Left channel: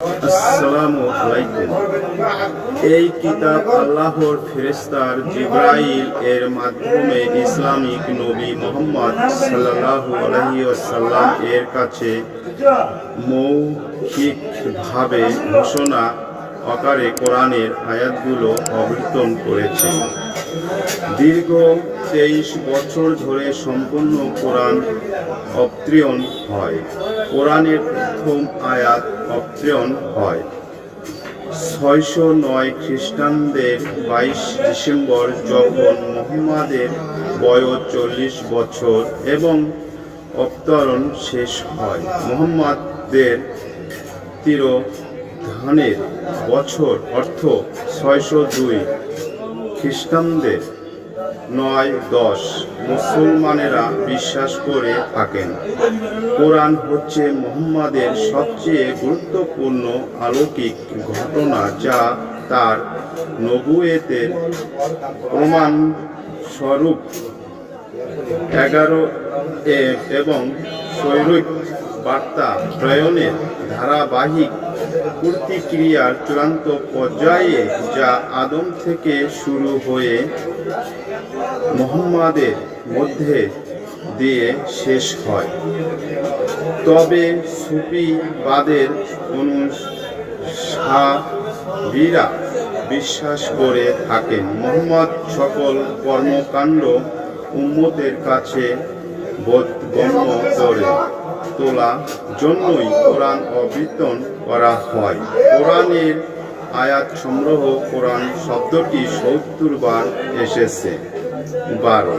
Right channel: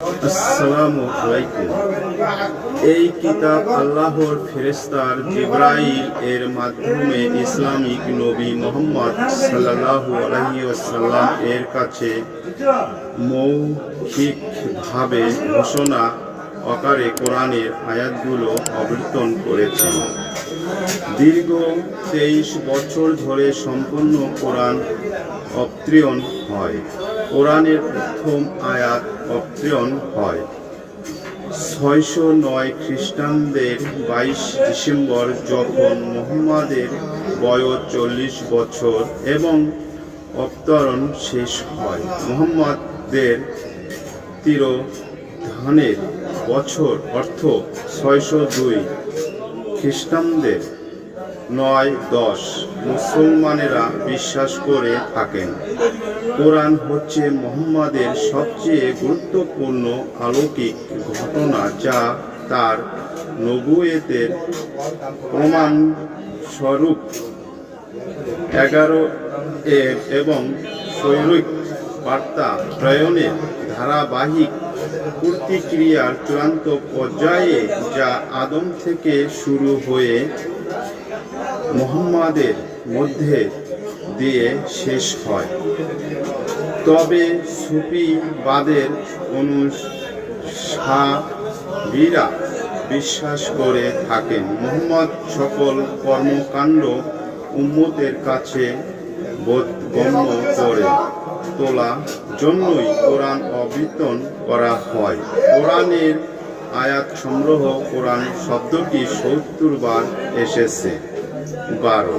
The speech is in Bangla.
আসসালামু আলাইকুম। এই কিতাব আল্লাহর ফেরেস্তার জিব্রাইল এর মাধ্যমে ইসলামিক নবী মোহাম্মদ সাল্লাল্লাহু আলাইহি ওয়াসাল্লাম এর কাছে মৌখিকভাবে ঘোষণা আকারে কোরআনের আয়াতগুলো অবর্তন করেছেন। দীর্ঘ তেইশ বছর ধরে সম্পূর্ণ কোরআন অবতীর্ণ হয়। কোরআনের প্রথম আয়াত অবতীর্ণ হয়। ছয়শো নয় খ্রিস্টানদের বাইশ ডিসেম্বর যখন মোহাম্মদের বয়স চল্লিশ বছর এবং অবতরণ শেষ হয়, মোহাম্মদের তিরোধানের বছর, অর্থ ছয়শো দুই খ্রিস্টানদের নয় দশ, মুসলমানেরা বিশ্বাস করে থাকেন। কোরআন হচ্ছে মোহাম্মদের সবচেয়ে গুরুত্বপূর্ণ আলৌকিক ঘটনা যা তার নবুয়েতের প্রমাণ স্বরূপ এগারো এ এবং শৈরিক বার্তা প্রয়নের ধারাবাহিক প্রতিক্রিয়ার চূড়ান্ত পর্যায়ে যা আদম থেকে শুরু হয়ে মোহাম্মদের মধ্যে দিয়ে শেষ হয়। তবে সুফিবাদের অনুসারীরা বিশ্বাস করে থাকেন, মোহাম্মদ সকল কর্মকাণ্ড উম্মতের কাছে বোধগম্য করে তোলা জন্যই কোরআন অবৃতন করা হয়। কোরআনের আয়াত সংগ্রহ কোরআন শব্দটি সত্তর বার এসেছে। বারো